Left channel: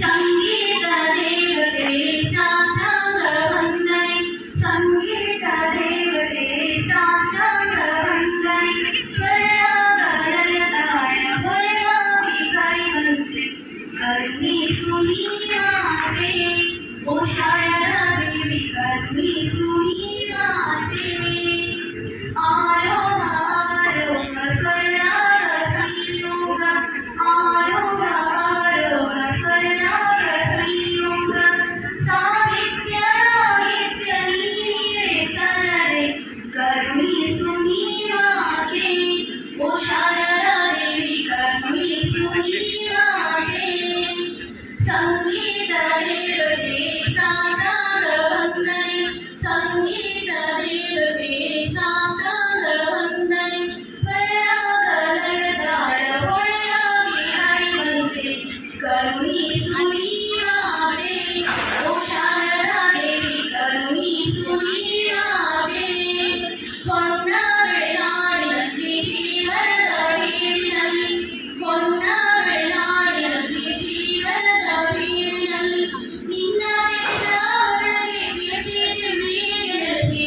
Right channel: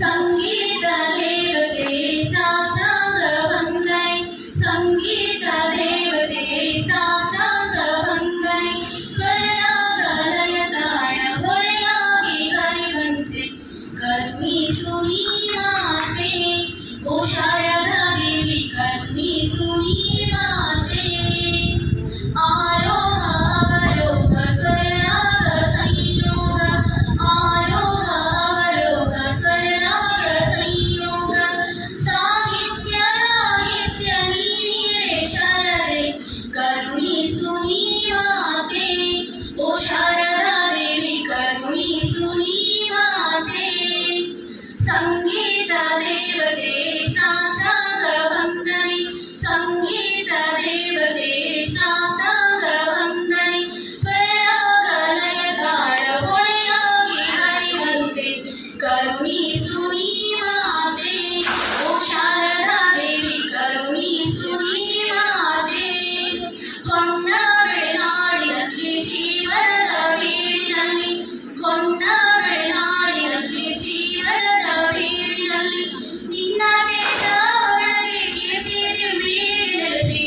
ಸಂಗೀತ ದೇವತೆ ಸಾಷ್ಟಾಂಗ ವಂದನೆ, ಸಂಗೀತ ದೇವತೆ ಸಾಷ್ಟಾಂಗ ವಂದನೆ, ಸ್ವರರಾಗ ಲಯ ತಾಳ ಹೊಳೆಯಾಗಿ ಕರೆಯುವಂತೆ ಕರುಣಿಸು ನೀ ಮಾತೆ, ಓ ಶಾರದಾ ದೇವಿ ಕರುಣಿಸು ನೀ ಮಾತೆ. ಆರೋಹ ಅವರೋಹ ಸ್ವರರಾಗ ಸಂಯೋಗ, ಆರೋಹ ಅವರೋಹ ಸ್ವರರಾಗ ಸಂಯೋಗ, ಸಾಹಿತ್ಯ ರಾಹಿತ್ಯ ನೀಡೆ ಶರದೆ ಕರುಣಿಸು ನೀ ಮಾತೆ, ಓ ಶಾರದಾ ದೇವಿ ಕರುಣಿಸು ನೀ ಮಾತೆ. ಸಂಗೀತ ದೇವತೆ ಸಾಷ್ಟಾಂಗ ವಂದನೆ, ಸಂಗೀತ ದೇವತೆ ಸಾಷ್ಟಾಂಗ ವಂದನೆ, ಸ್ವರರಾಗ ಲಯ ತಾಳ ಹೊಳೆಯಾಗಿ ಹರಿವಂತೆ ಕರುಣಿಸು ನೀ ಮಾತೆ, ಓ ಶಾರದಾ ದೇವಿ ಕರುಣಿಸು ನೀ ಮಾತೆ. ಹೊನ್ನ ಬೆಳೆನಾಡಿನಲ್ಲಿ ಜೀವನದ ಬೀಡಿನಲ್ಲಿ, ಹೊನ್ನ ಬೆಳೆನಾಡಿನಲ್ಲಿ ಜೀವನದ ಬೀಡಿನಲ್ಲಿ, ನಿನ್ನ ದೇಶ ಬೆಳಗ್ಗೆ ಕೀರ್ತಿ ದಿವ್ಯೆಗೆ ನೆಲೆಸಿ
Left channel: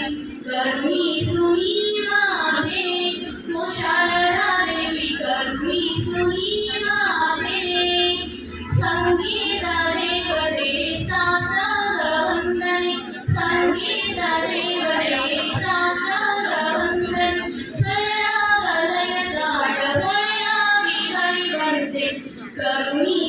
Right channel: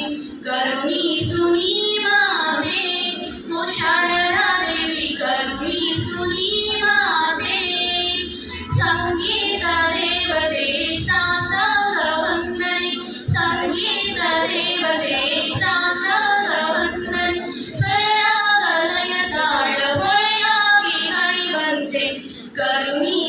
ಕರುಣಿಸು ನೀ ಮಾತೆ, ಓ ಶಾರದಾ ದೇವಿ ಕರುಣಿಸು ನೀ ಮಾತೆ. ಸಂಗೀತ ದೇವತೆ ಸಾಷ್ಟಾಂಗ ವಂದನೆ, ಸಂಗೀತ ದೇವತೆ ಸಾಷ್ಟಾಂಗ ವಂದನೆ, ಸ್ವರರಾಗ ಲಯ ತಾಳ ಹೊಳೆಯಾಗಿ ಹರಿವಂತೆ ಕರುಣಿ